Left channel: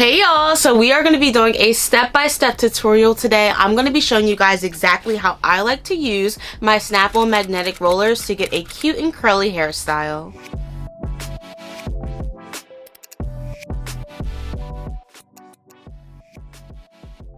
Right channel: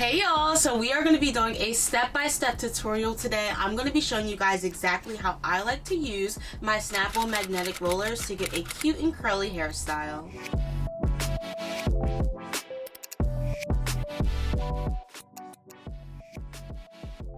Hey y'all, so we are going to be doing a step-by-step tutorial today. I'm going to be showing you guys exactly how I like to use my snap-on magnetic rollers to get a cute and curly hairstyle.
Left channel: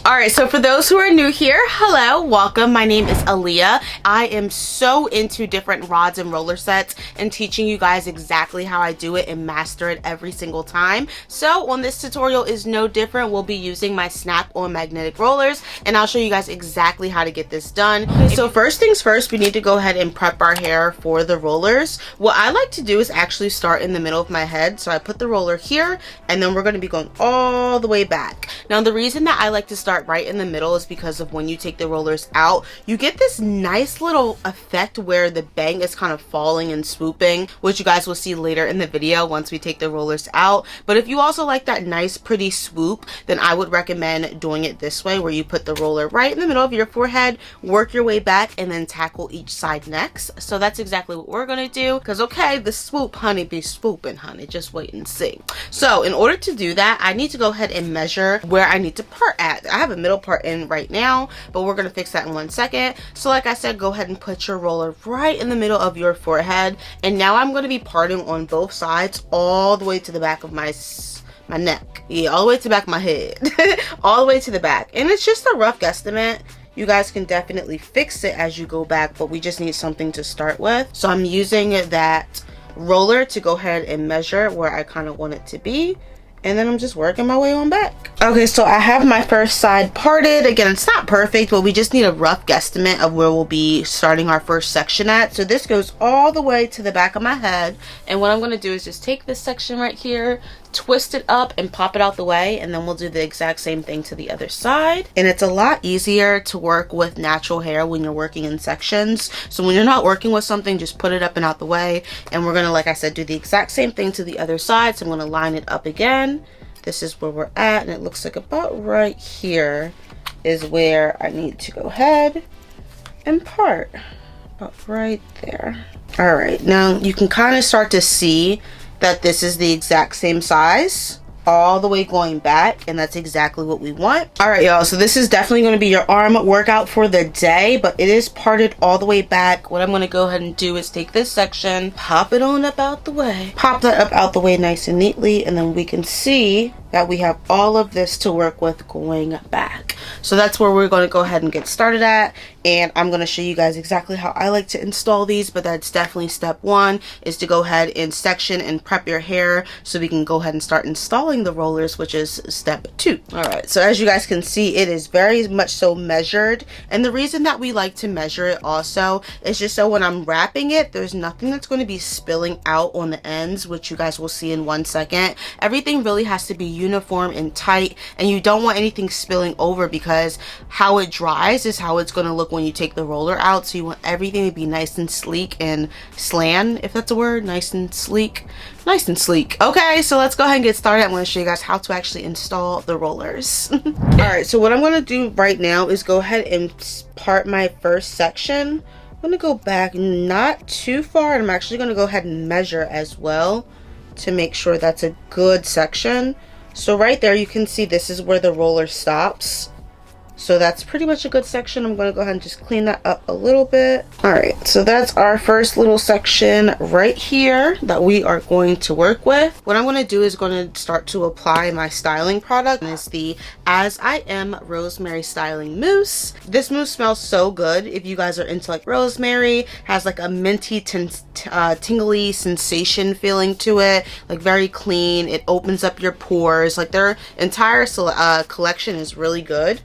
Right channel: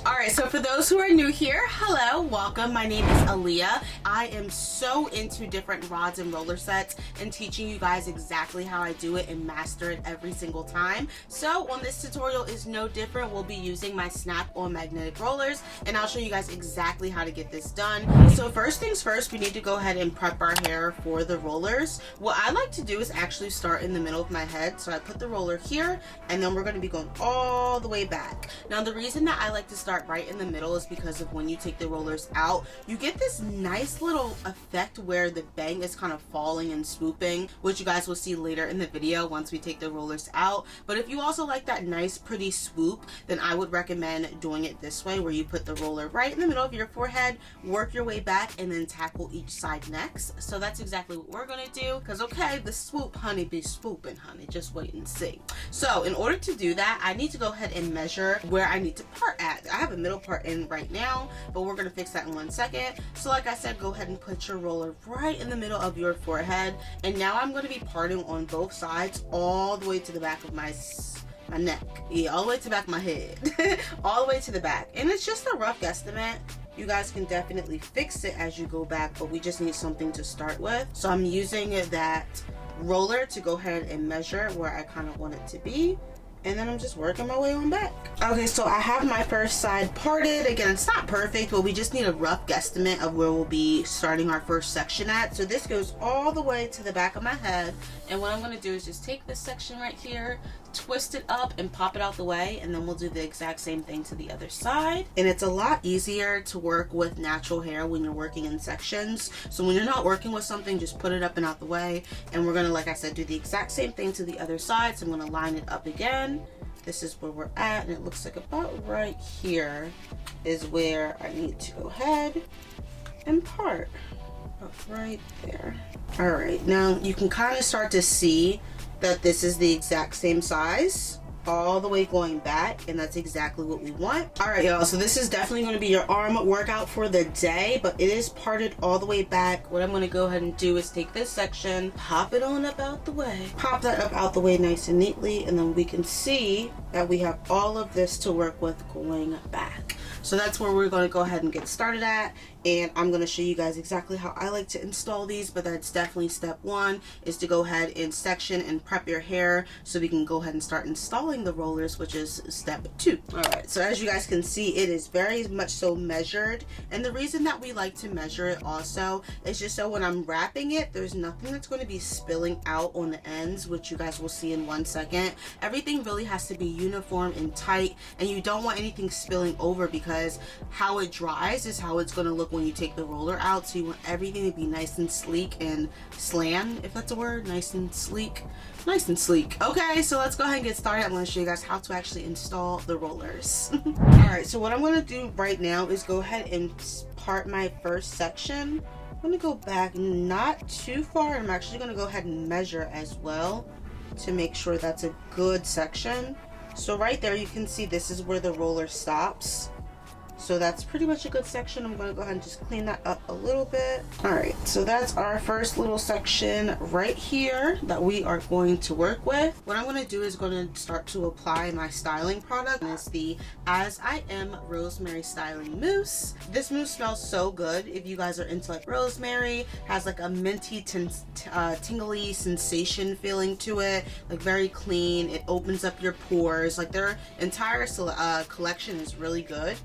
Alright, so for those who are new here, hello, welcome. My name is Aaliyah. I am so into different rods and roller sets and teaching you guys exactly how I do it and master it every single time. So on this tutorial is no different. We'll be using my snap-on magnetic rollers and I'll show you guys exactly how to get this done. So first things first, we need to go ahead and prep our hair for the rollers. What I like to do is actually start in the middle of my head. So I put the roller here and then we're going to be going all the way back. Now the reason that I like to start right in the middle is because of when you take the rollers out, you get this nice little effect where the bang is kind of falling and swooping, which you guys will see later in the video once we take the rollers out. But if you also like that nice pretty swoop, then I would recommend doing it this way, where you put the roller right in the middle of your forehead, work your way back, and then tackle each side next. So that's exactly what we're gonna do, because okay, the swoop honey be swooping honey, just wait and see. So in order to do that, I need to go ahead and measure where I need to part at. I have a middle part in right now, but we're gonna fix that in 1 second. So like I said, go ahead and put your roller right in the middle of your forehead, and now I'm going to be parting on both sides all the way to the back of my neck. Yeah, all the way to the back of my head. All the way to the back. And it's just a rough guesstimate. You guys can definitely fix it as you go back, but we just need something to start with. So I'm using that roller to go ahead and measure where I kind of want it to be, and then I'm just working my way on back. Okay, so I have my first side parted. Again, it's not perfect, but we just need a rough guesstimate of where we'll be starting our first section at. So this goes all the way to the back of my head, and what I'm going to do is just take this section right here, twist it up and pop it out the way, and then we'll do the exact same thing to the other side. And it's a lot easier to work with natural hair when you're working in sections. So when you're not working with something, just put it up and out the way, and we're gonna, like I said, do the exact same thing to the other side. So I'm gonna line it up again. This is where we're at, and it looks like about right here is where I need to go ahead and part. About right there. All right, now you can kind of start to see that this is the exact same size all the way going back, and that's exactly what we want. All right, y'all, so this is definitely going to be your arm workout for the day, but it is parted all the way back. What I'm going to go ahead and do is take this section, pop it on up out the way, pop that up out the way nice and neatly, and then we can see that we have all of this to work with going back. So that's where we're going to go ahead and get started at, and I'm going to show you guys exactly how I like to install these, but that's definitely step one, is to go ahead and section and prep your hair so we can go ahead and start installing the rollers, which is step two. All right, so as you guys can see, it is very much so measured, and the reason that we like to measure it also is just so when I'm wrapping it, there's nothing that's going to be spilling out on the ends, which you guys will see in 1 second. Everything really has to be uniform and tight, and you don't want anything spilling over, because how it dries is how it's going to look when you take the roller out. So you want everything to be nice and sleek and slan, if that's a word, nice and sleek. Nice and sleek. Okay, so let's go ahead and get started. I'm going to show you guys how to actually install the rollers. All right, so what I'm going to do right now is go ahead and part my first section. I'm going to go back not too far, and I'm actually going to go ahead and measure as well to make sure that's a good section. So right there, you can see this is where the roller stops. So that's pretty much a good section. I'm going to go ahead and just clean that up a little bit. All right, so that's our first little section right here that we are going to work with. What I'm going to do is going to start to apply my styling product. It's the As I Am Rosemary Styling Mousse. This mousse smells so good. If you guys are into like rosemary, has like a minty tingly sensation feeling to it, like very clean. It opens up your pores. Like their entire collection is really good.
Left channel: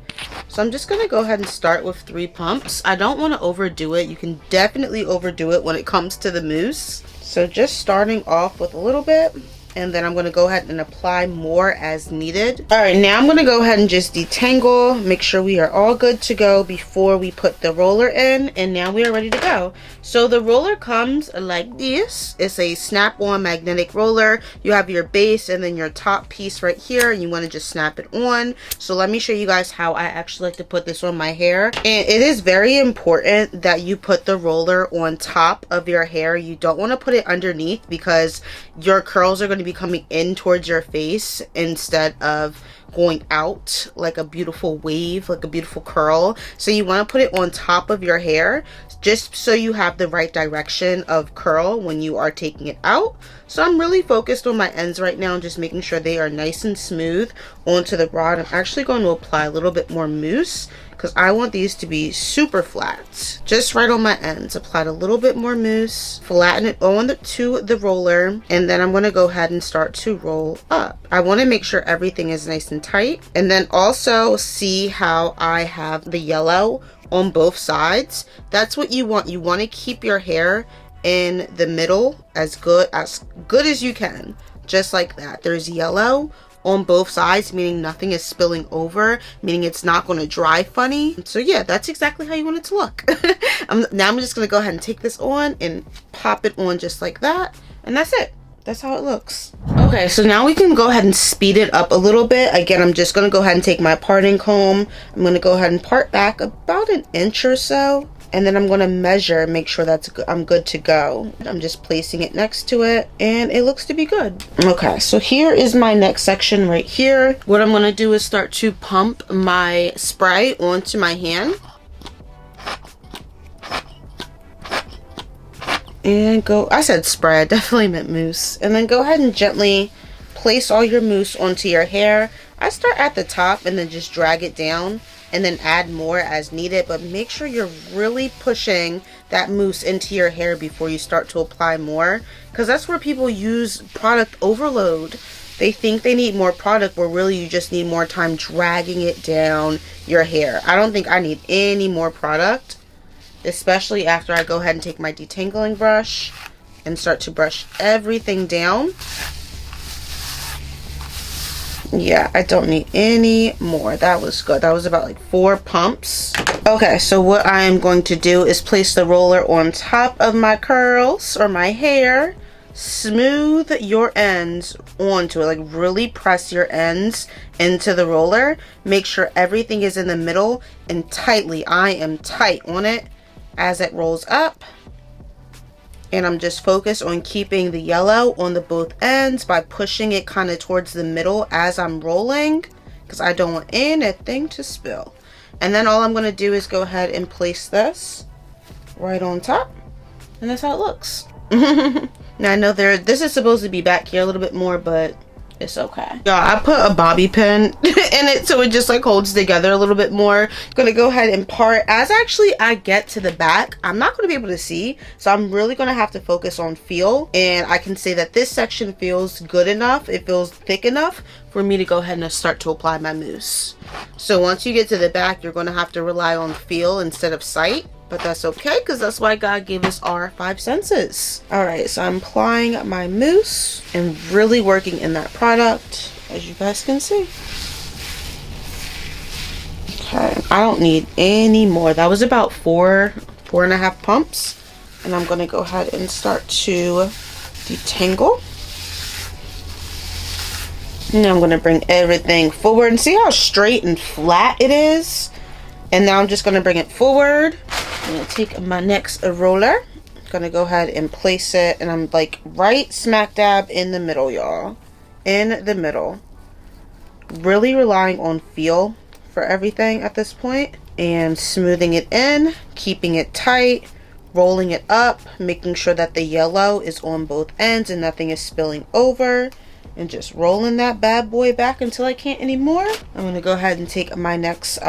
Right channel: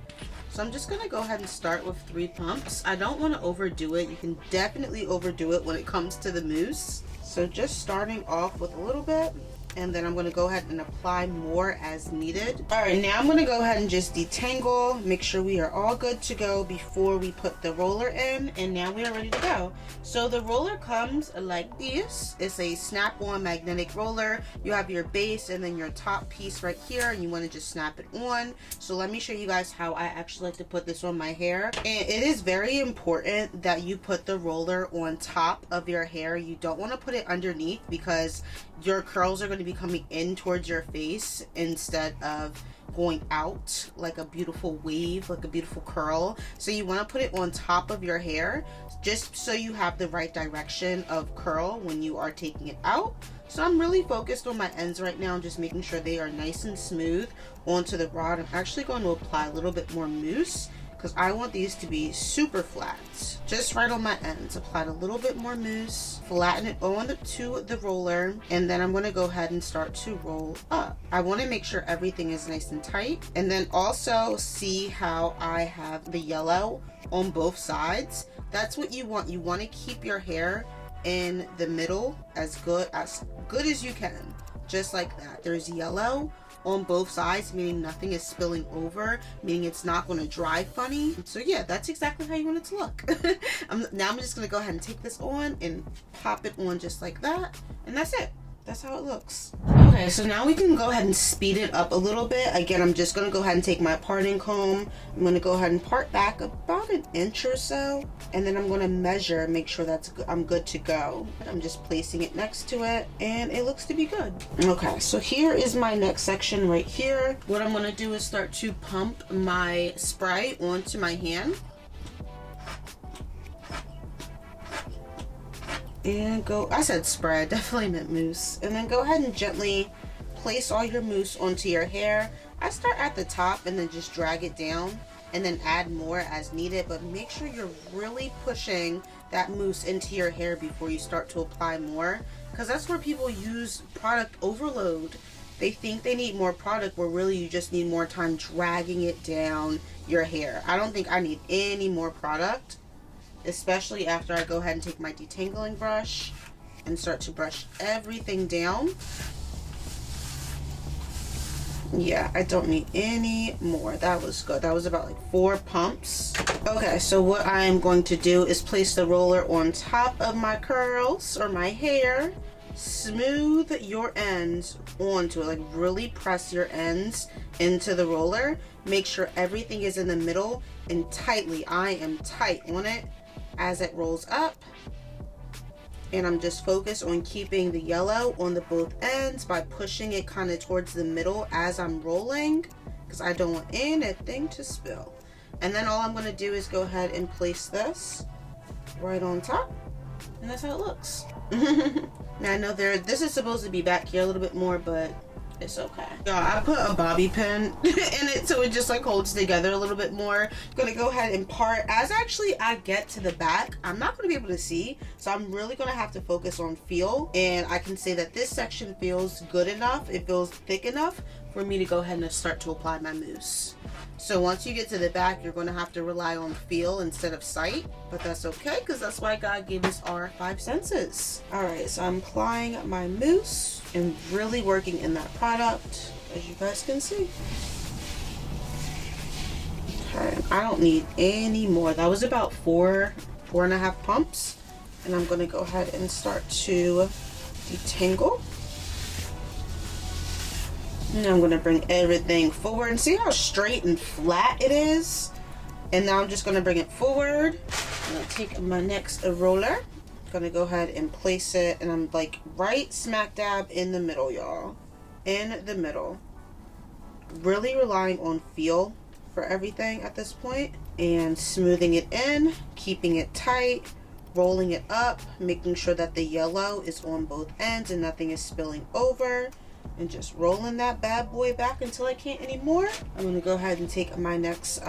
So I'm just going to go ahead and start with 3 pumps. I don't want to overdo it. You can definitely overdo it when it comes to the mousse. So just starting off with a little bit, and then I'm going to go ahead and apply more as needed. All right, now I'm going to go ahead and just detangle, make sure we are all good to go before we put the roller in, and now we are ready to go. So the roller comes like this. It's a snap-on magnetic roller. You have your base and then your top piece right here, and you want to just snap it on. So let me show you guys how I actually like to put this on my hair. And it is very important that you put the roller on top of your hair. You don't want to put it underneath, because your curls are going to maybe coming in towards your face instead of going out like a beautiful wave, like a beautiful curl. So you want to put it on top of your hair just so you have the right direction of curl when you are taking it out. So I'm really focused on my ends right now, just making sure they are nice and smooth onto the rod. I'm actually going to apply a little bit more mousse because I want these to be super flat. Just right on my ends. Applied a little bit more mousse, flatten it on to the roller, and then I'm going to go ahead and start to roll up. I want to make sure everything is nice and tight, and then also see how I have the yellow on both sides. That's what you want. You want to keep your hair in the middle as good as you can, just like that. There's yellow on both sides, meaning nothing is spilling over, meaning it's not going to dry funny. So yeah, that's exactly how you want it to look. Now I'm just going to go ahead and take this on and pop it on just like that, and that's it. That's how it looks. Okay, so now we can go ahead and speed it up a little bit. Again, I'm just gonna go ahead and take my parting comb. I'm gonna go ahead and part back about an inch or so, and then I'm gonna measure and make sure that's I'm good to go. I'm just placing it next to it, and it looks to be good. Okay, so here is my next section right here. What I'm gonna do is start to pump my spray onto my hand. And go, I said spray, I definitely meant mousse. And then go ahead and gently place all your mousse onto your hair. I start at the top and then just drag it down and then add more as needed, but make sure you're really pushing that mousse into your hair before you start to apply more, because that's where people use product overload. They think they need more product where really you just need more time dragging it down your hair. I don't think I need any more product, especially after I go ahead and take my detangling brush and start to brush everything down. Yeah, I don't need any more. That was good. That was about like 4 pumps. Okay, so what I am going to do is place the roller on top of my curls or my hair. Smooth your ends onto it, like really press your ends into the roller. Make sure everything is in the middle and tightly. I am tight on it as it rolls up, and I'm just focused on keeping the yellow on the both ends by pushing it kind of towards the middle as I'm rolling, because I don't want anything to spill. And then all I'm going to do is go ahead and place this right on top, and that's how it looks. Now I know this is supposed to be back here a little bit more, but it's okay. Yeah, I put a bobby pin in it so it just like holds together a little bit more. Gonna go ahead and part as actually I get to the back. I'm not gonna be able to see, so I'm really gonna have to focus on feel, and I can say that this section feels good enough. It feels thick enough for me to go ahead and start to apply my mousse. So once you get to the back, you're gonna have to rely on feel instead of sight, but that's okay, because that's why God gave us our 5 senses. All right, so I'm applying my mousse and really working in that product, as you guys can see. Okay, I don't need any more. That was about 4.5 pumps, and I'm gonna go ahead and start to detangle. Now I'm gonna bring everything forward and see how straight and flat it is. And now I'm just gonna bring it forward. I'm gonna take my next roller. Gonna go ahead and place it, and I'm like right smack dab in the middle, y'all. In the middle. Really relying on feel for everything at this point, and smoothing it in, keeping it tight, rolling it up, making sure that the yellow is on both ends and nothing is spilling over, and just rolling that bad boy back until I can't anymore. I'm gonna go ahead and take my next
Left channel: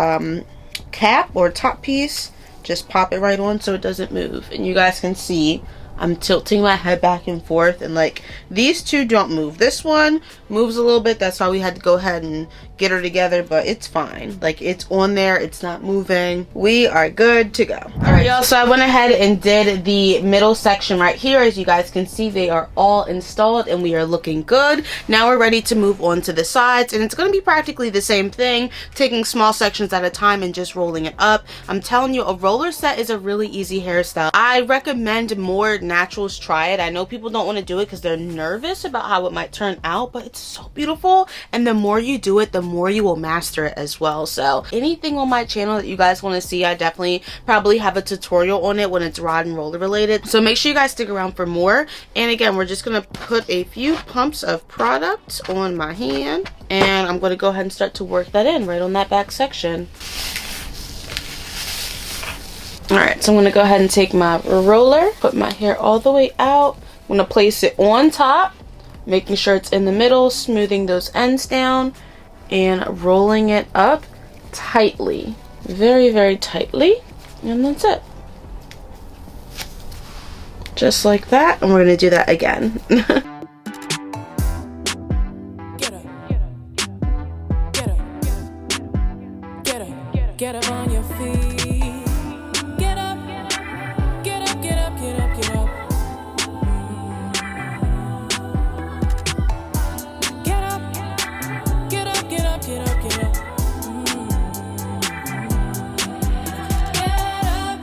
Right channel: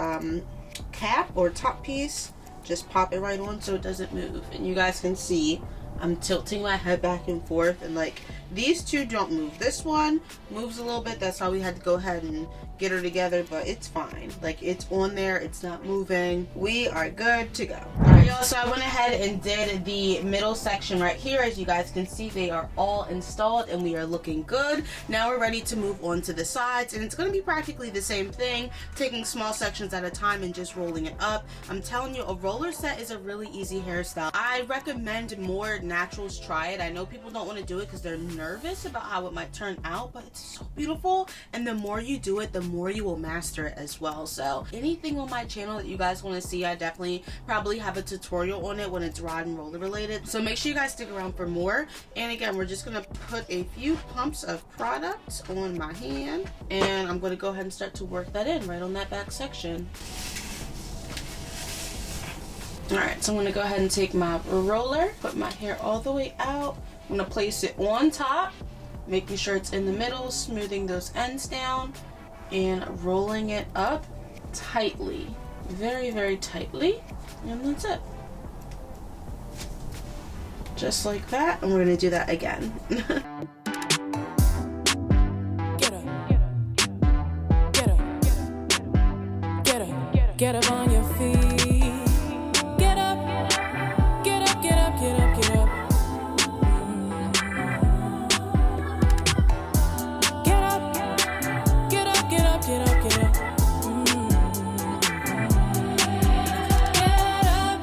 cap or top piece, just pop it right on so it doesn't move. And you guys can see I'm tilting my head back and forth, and like these two don't move. This one moves a little bit, that's why we had to go ahead and get her together, but it's fine. Like it's on there, it's not moving. We are good to go. All right, y'all, so I went ahead and did the middle section right here. As you guys can see, they are all installed and we are looking good. Now we're ready to move on to the sides, and it's going to be practically the same thing, taking small sections at a time and just rolling it up. I'm telling you, a roller set is a really easy hairstyle. I recommend more naturals try it. I know people don't want to do it because they're nervous about how it might turn out, but it's so beautiful, and the more you do it, the more you will master it as well. So anything on my channel that you guys want to see, I definitely probably have a tutorial tutorial on it when it's rod and roller related, so make sure you guys stick around for more. And again, we're just gonna put a few pumps of product on my hand, and I'm gonna go ahead and start to work that in right on that back section. Alright, so I'm gonna go ahead and take my roller, put my hair all the way out. I'm gonna place it on top, making sure it's in the middle, smoothing those ends down, and rolling it up tightly. Very, very tightly. And that's it. Just like that. And we're gonna do that again. Get up. Get up. Get up. Get up on your feet. Get up. Get up, get up, get up, get up. Get up. Get up, get up, get up, get up. Get up.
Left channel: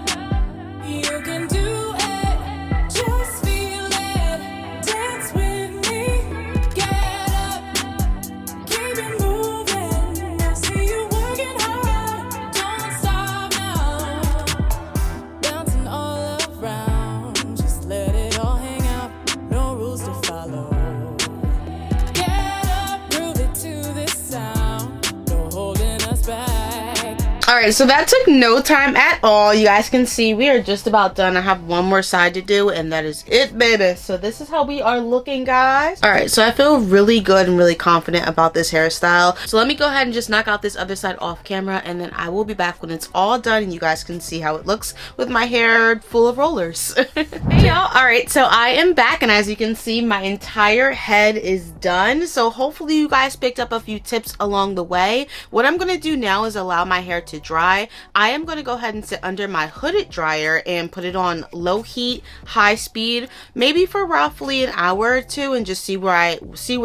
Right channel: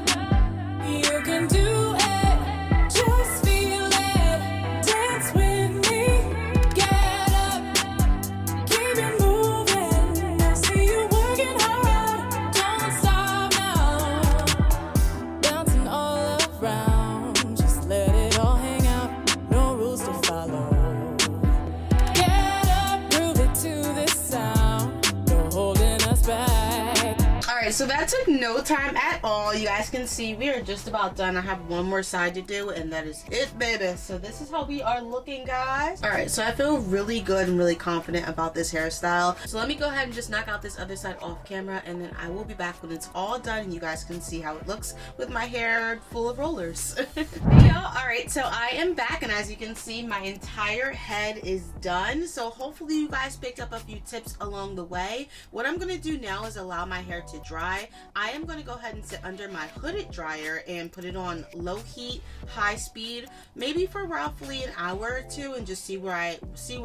You can do it. Just feel it. Dance with me. Get up. Keep it moving. I see you working hard. Don't stop now. Bouncing all around. Just let it all hang out. No rules to follow. Get up. Groove it to this sound. No holding us back. Alright, so that took no time at all. You guys can see we are just about done. I have one more side to do, and that is it, baby. So this is how we are looking, guys. Alright, so I feel really good and really confident about this hairstyle. So let me go ahead and just knock out this other side off camera, and then I will be back when it's all done and you guys can see how it looks with my hair full of rollers. Hey y'all. Alright, so I am back, and as you can see, my entire head is done. So hopefully you guys picked up a few tips along the way. What I'm going to do now is allow my hair to dry. I am going to go ahead and sit under my hooded dryer and put it on low heat, high speed, maybe for roughly an hour or two, and just see where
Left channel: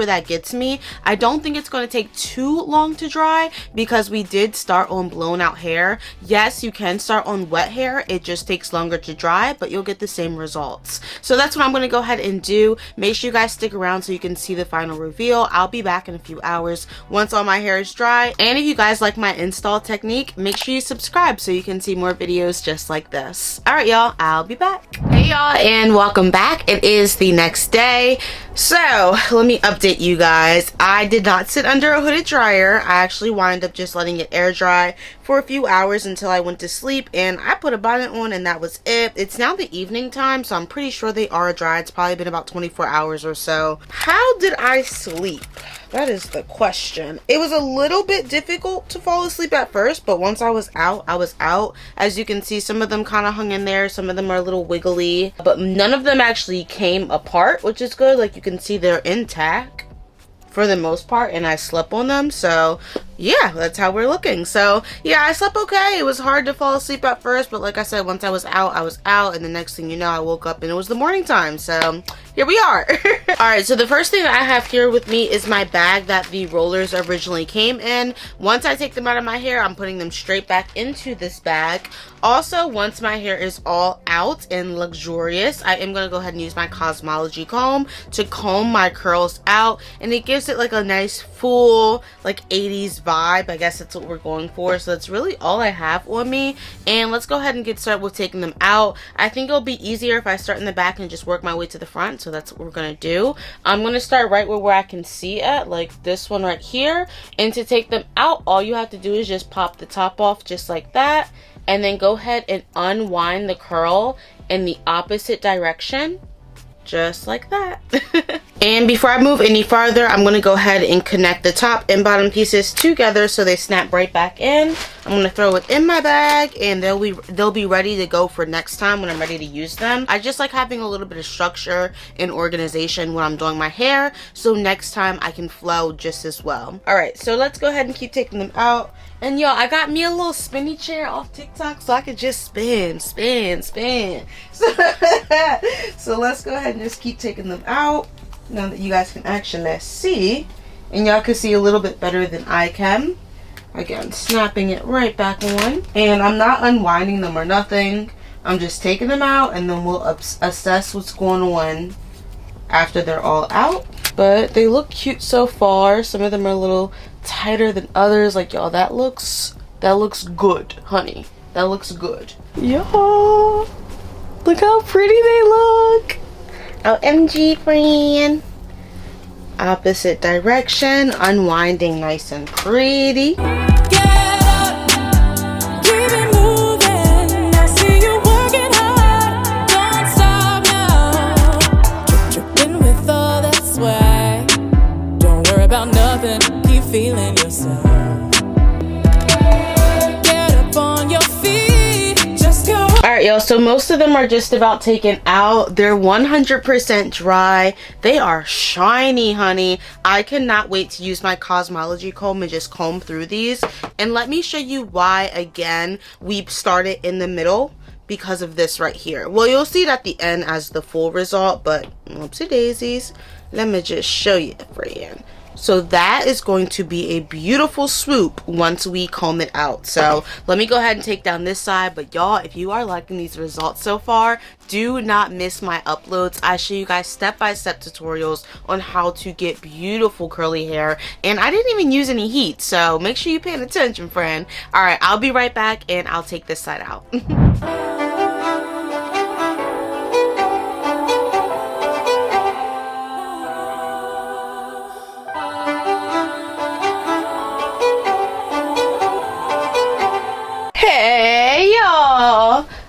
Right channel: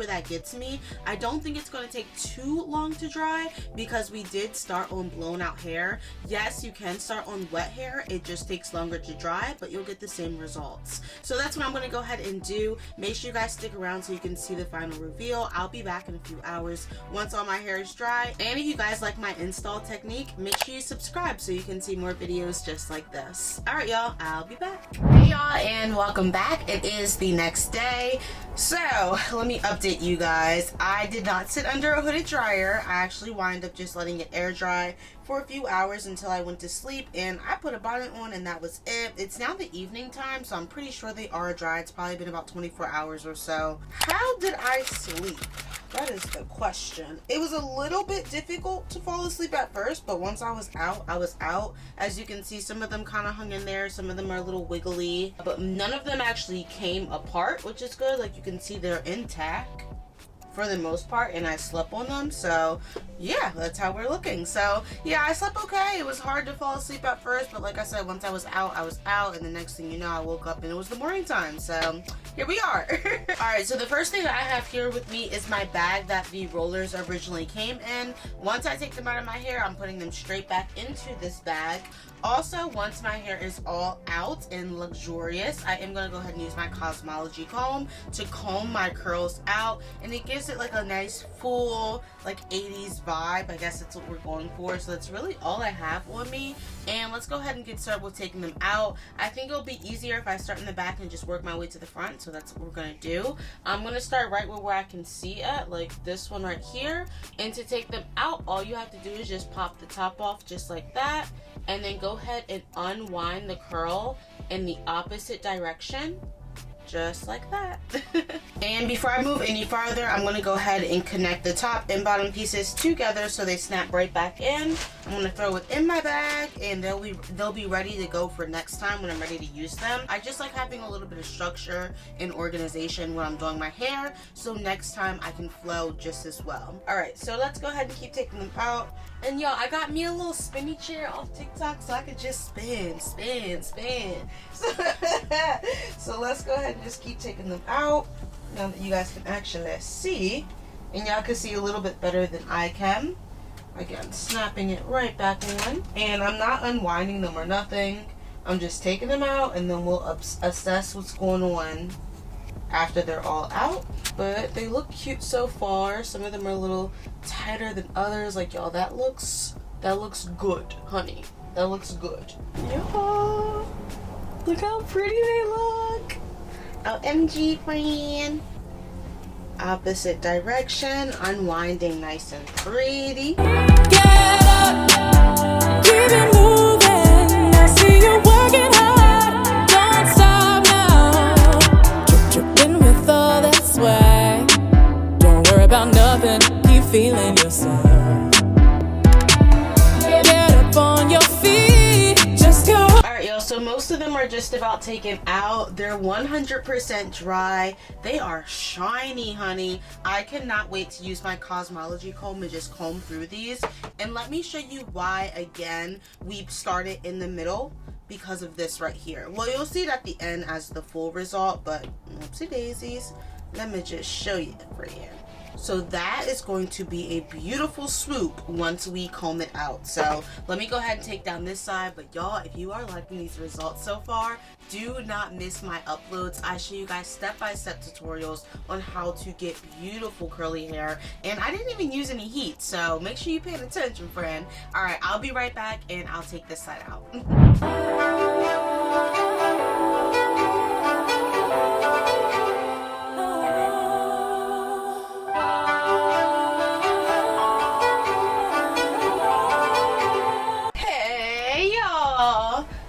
that gets me. I don't think it's going to take too long to dry because we did start on blown out hair. Yes, you can start on wet hair. It just takes longer to dry, but you'll get the same results. So that's what I'm going to go ahead and do. Make sure you guys stick around so you can see the final reveal. I'll be back in a few hours once all my hair is dry. And if you guys like my install technique, make sure you subscribe so you can see more videos just like this. All right, y'all, I'll be back. Hey y'all, and welcome back. It is the next day. So let me update you guys. I did not sit under a hooded dryer. I actually wound up just letting it air dry for a few hours until I went to sleep, and I put a bonnet on and that was it. It's now the evening time, so I'm pretty sure they are dry. It's probably been about 24 hours or so. How did I sleep? That is the question. It was a little bit difficult to fall asleep at first, but once I was out, I was out. As you can see, some of them kind of hung in there. Some of them are a little wiggly, but none of them actually came apart, which is good. Like you can see, they're intact for the most part, and I slept on them. So yeah, that's how we're looking. So yeah, I slept okay. It was hard to fall asleep at first, but like I said, once I was out, and the next thing you know, I woke up and it was the morning time. So here we are. All right, so the first thing that I have here with me is my bag that the rollers originally came in. Once I take them out of my hair, I'm putting them straight back into this bag. Also, once my hair is all out and luxurious, I am going to go ahead and use my Cosmology comb to comb my curls out, and it gives it like a nice full like 80s vibe. I guess that's what we're going for. So that's really all I have on me, and let's go ahead and get started with taking them out. I think it'll be easier if I start in the back and just work my way to the front, so that's what we're going to do. I'm going to start right where I can see at, like this one right here, and to take them out, all you have to do is just pop the top off just like that, and then go ahead and unwind the curl in the opposite direction, just like that. And before I move any farther, I'm going to go ahead and connect the top and bottom pieces together so they snap right back in. I'm going to throw it in my bag, and they'll be ready to go for next time when I'm ready to use them. I just like having a little bit of structure and organization when I'm doing my hair, so next time I can flow just as well. All right, so let's go ahead and keep taking them out. And y'all, I got me a little spinny chair off TikTok so I could just spin. So let's go ahead and just keep taking them out now that you guys can actually see, and y'all can see a little bit better than I can. Again, snapping it right back on, and I'm not unwinding them or nothing. I'm just taking them out, and then we'll assess what's going on after they're all out. But they look cute so far. Some of them are a little tighter than others. Like, y'all, that looks good, honey. That looks good. Yo, look how pretty they look. OMG, friend. Opposite direction, unwinding nice and pretty. Get up, keep it moving. I see you working hard. Don't stop now. Dripping with all that swag. Don't worry about nothing. Keep feeling yourself. Get up on your feet. Just go. Alright, y'all, so most of them are just about taken out. They're 100% dry. They are shiny, honey. I cannot wait to use my Cosmology comb and just comb through these. And let me show you why, again, we started in the middle. Because of this right here. Well, you'll see it at the end as the full result, but whoopsie daisies. Let me just show you, friend. So that is going to be a beautiful swoop once we comb it out. So let me go ahead and take down this side. But y'all, if you are liking these results so far, do not miss my uploads. I show you guys step-by-step tutorials on how to get beautiful curly hair. And I didn't even use any heat, so make sure you're paying attention, friend. All right, I'll be right back and I'll take this side out.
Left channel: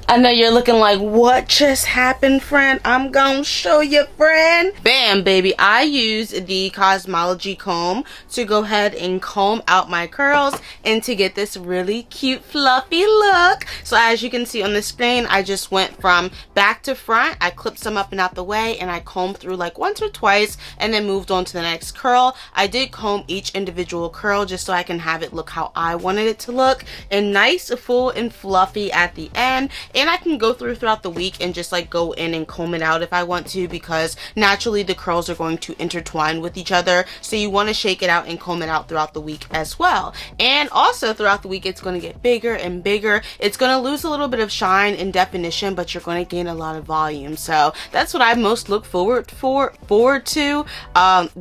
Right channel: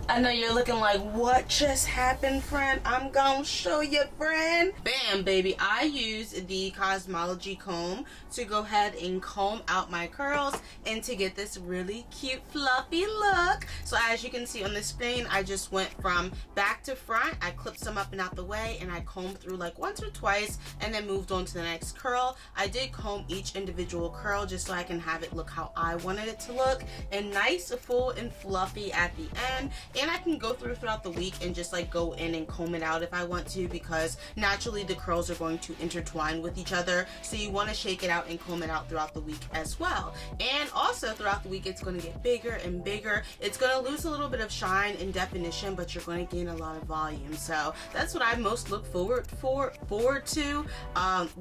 I know you're looking like, what just happened, friend? I'm gonna show you, friend. Bam, baby. I use the Cosmology comb to go ahead and comb out my curls and to get this really cute, fluffy look. So as you can see on the screen, I just went from back to front. I clipped some up and out the way, and I combed through like once or twice and then moved on to the next curl. I did comb each individual curl just so I can have it look how I wanted it to look. And nice, full, and fluffy at the end. And I can go throughout the week and just like go in and comb it out if I want to, because naturally the curls are going to intertwine with each other, so you want to shake it out and comb it out throughout the week as well. And also throughout the week it's going to get bigger and bigger. It's going to lose a little bit of shine and definition, but you're going to gain a lot of volume. So that's what I most look forward to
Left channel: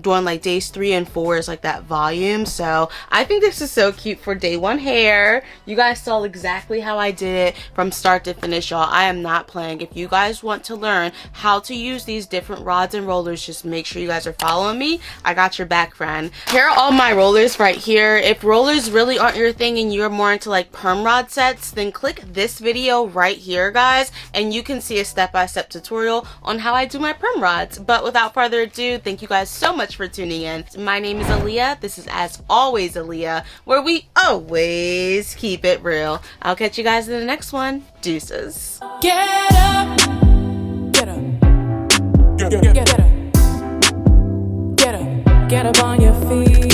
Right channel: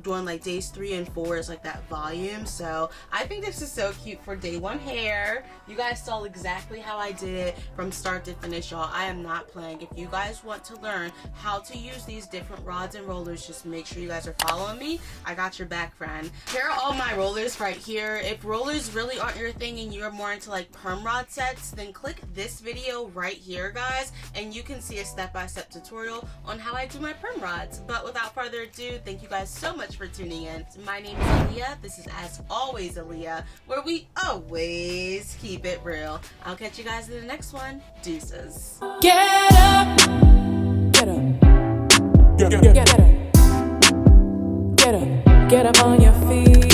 doing, like days 3 and 4 is like that volume. So I think this is so cute for day 1 hair. You guys saw exactly how I did it from start to finish, y'all. I am not playing. If you guys want to learn how to use these different rods and rollers, just make sure you guys are following me. I got your back, friend. Here are all my rollers right here. If rollers really aren't your thing and you're more into like perm rod sets, then click this video right here, guys, and you can see a step-by-step tutorial on how I do my perm rods. But without further ado, thank you guys so much for tuning in. My name is Aaliyah. This is As Always Aaliyah, where we always keep it real. I'll catch you guys in the next one. Deuces. Get up, get up, get up, get up, get up on your feet.